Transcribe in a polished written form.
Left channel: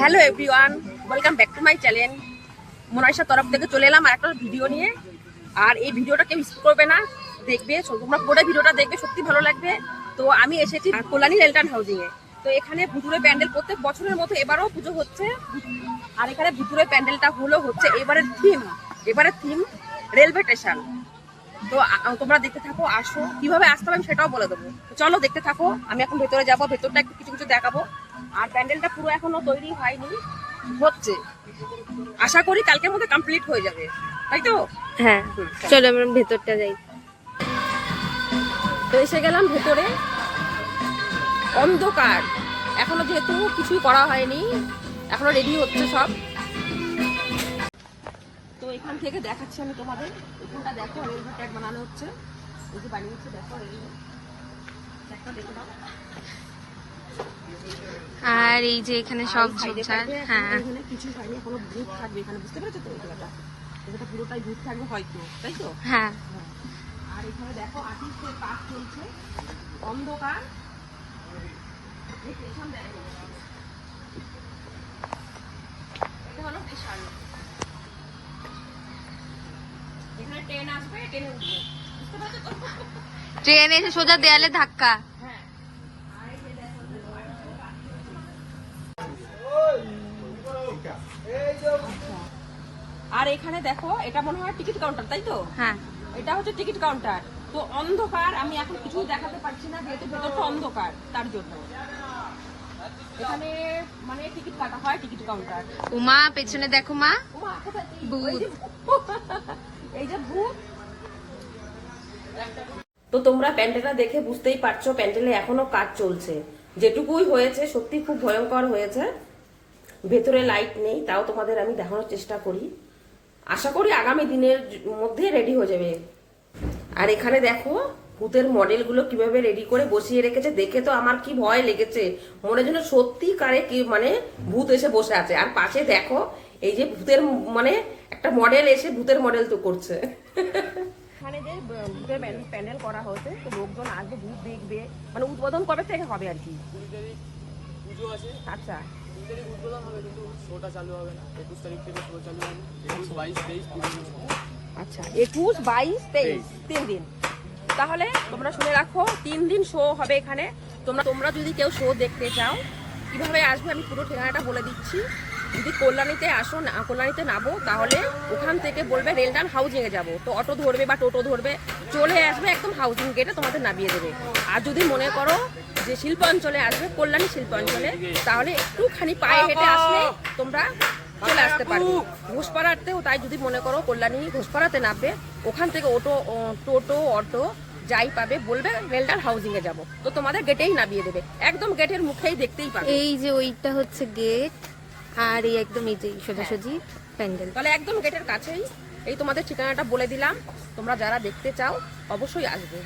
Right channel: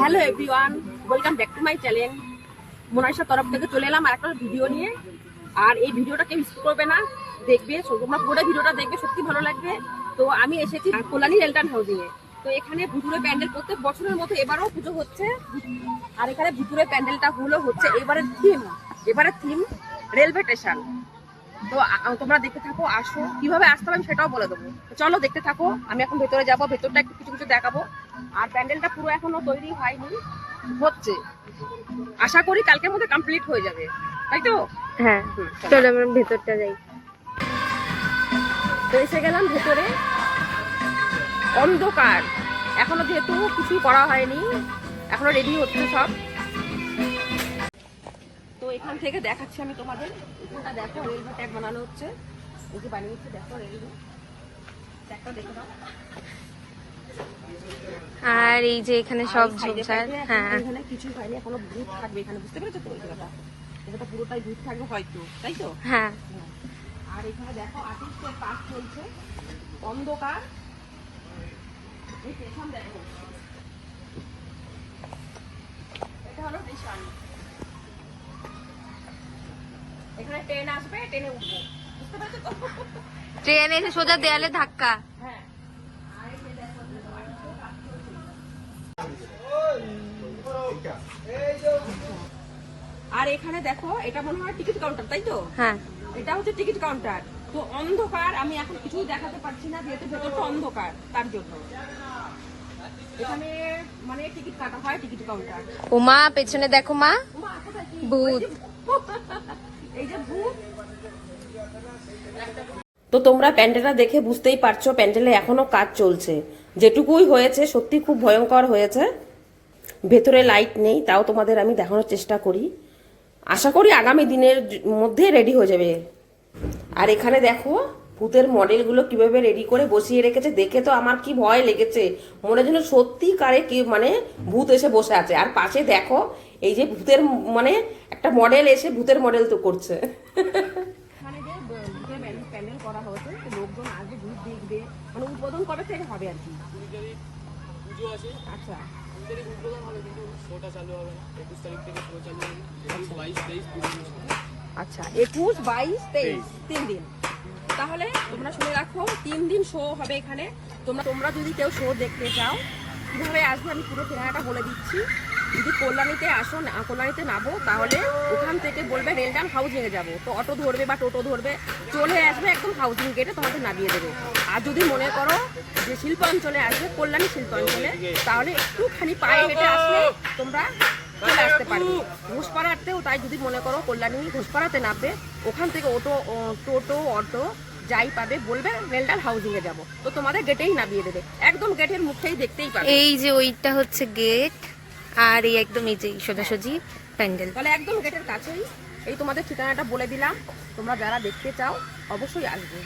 Hello everyone, welcome back to my channel. মোনাইশার তরফ থেকে চলে এলাম আর একটা ভিডিও নিয়ে। আর এই ভিডিওটা কেউ স্কিপ করবে না, দেখবে। তোমরা পুরো ভিডিওটা দেখবে, সত্যি ভালো লাগবে। তো আমি এসেছি কল্যাণী রেলটান হাউজিং এ। তো এখানে ভুতুরে প্যান্ডেল প্রত্যেক বছরের মতো এবারও পুজো হচ্ছে। আর এখানে ভুতুরে প্যান্ডেলটা হচ্ছে এবারের থিম রেলওয়ে স্টেশন। তো তোমরা দেখতে থাকো, আসো। কিভাবে আসতে হবে সেটাও বলে দেবো। চলো দেখতে থাকো। আমি এখন ভেতরে যাবো, ভেতরটা একটু কিছু কিছু দেখাবো। আর প্যান্ডেলটা পুরো এখনো তৈরি হয়নি, হচ্ছে। আশা করি কালকের মধ্যে কমপ্লিট হয়ে যাবে, তাই তো? হ্যাঁ, চলো আমরা ভেতরটা যাই। তো এসে গেলাম ভেতরে। অন্ধকার, এখনো যেহেতু কিছুই করা হয়নি, এখনো রেডি হচ্ছে সব। তো এখান থেকে দেখাচ্ছি আমি তোমাদের। এখানটা দেখো, রেলওয়ে ট্র্যাক বানানো হচ্ছে। এই যে বানিয়েছে, দেখো রেলওয়ে ট্র্যাকটা দেখে দাও। আর এই যে এখানে সব ঝোপঝাড়। হ্যাঁ, এখানে কিছু হয়নি, এখনো ভূত থাকবে এখানে, বুঝতে পেরেছো তো? এই জায়গাটা পুরোটাই ভূত থাকবে হয়তো, তাই তো? হ্যাঁ। আর এখানে দেখো আর্টিস্টের কাজ চলছে। অন্ধকার, এই স্টেশন দেখো, এটা হলো স্টেশন। এখানে ট্রেন আসবে, ট্রেনে উঠবো, বুঝতে পেরেছো তো? ট্রেন এসে সোজা দেয়ালে ধাক্কা। হ্যাঁ। আর এখানে দেখো, এটা মনে হয় টিকিট কাউন্টার, তাই তো? হ্যাঁ, এটা হচ্ছে টিকিট কাউন্টার। তো অন্ধকার, আমি এখন কিছুই দেখাতে পারছি না যেহেতু ভেতরটা অন্ধকার, তার জন্য। এখানে মানে টিকিট কাটা হয়, টিকিট কাউন্টার। ও মা, পেছনে দেখো মা, ভূত। এই যে ভূত। তো তোমরা প্যান্ডেলটা দেখে বুঝতেই পারছো, প্যান্ডেলে এখনো কাজ চলছে। যেটুকুই হয়েছে সত্যি খুব ভয়ঙ্কর হয়েছে। ভেতরে লাইট নেই, তাও তোমাদের আমি দেখানোর চেষ্টা করি। আশা করি আগামী দিনের মধ্যে রেডি হয়ে যাবে। আর এখানে দেখো ভূতের মডেলগুলো কিভাবে রেডি করে বসিয়ে রেখেছে, দেখে তো আমার কি ভয় লেগেছে। মনে যেন সত্যিকারে কি মানে ভূত এসে বসে আছে। আর পাশে দেখো এই যে ভূতের মানে একটা মডেল এসে ভূতের মডেল তো করছে। এখানে যে ভূতের প্যান্ডেল করা হয়েছে, লোকজন আসবে, ভূত দেখবে। মানে উদ্বোধন কবে থেকে হবে আর কি? আচ্ছা, আচ্ছা, 21, 22, 23 3 দিন। তাহলে তোমরা শুনে রাখো, 3 দিন শো হবে এখানে। তোমরা যদি কেউ শো দেখতে চাও, কিভাবে আসবে আমি পুরো ঠিকানাটা বলে দিচ্ছি। যদি কল্যাণীতে আসো, কল্যাণীতে নামো, তাহলে ওখান থেকে বলবে রেলটান হাউজিং এ যাবো। তো অটো ধরবে বা টোটো ধরবে, চলে আসবে একদম হাউজিং গেটে, তোমাদের নামিয়ে দেবে। আর যদি মনে করো যে শিল্পাঞ্চলে আসবে, কল্যাণী শিল্পাঞ্চলে, তাহলে একটুখানি পায়ে হেঁটে আসলে তোমরা চলে আসতে পারবে ঘোষপাড়াতেও। তাই যদি মনে করো কল্যাণী ঘোষপাড়াতে নামবে, ওখান থেকে টোটো অটো যাই পাবে, বলবে রেলটান হাউজিং এ যাবো, তো তোমাদের গেটেই নামিয়ে দেবে। একদম গেটের মুখেই দেখতেই পাবে। এই যে ওইটা হচ্ছে গেট, আর এই একদম এই যে সোজাসুজি প্যান্ডেল। তাহলে একদম গেটের কাছেই। এই তোমাদের ঠিকানাটা বলে দিলাম, তোমরা যারা দেখতে চাও অবশ্যই আসবে।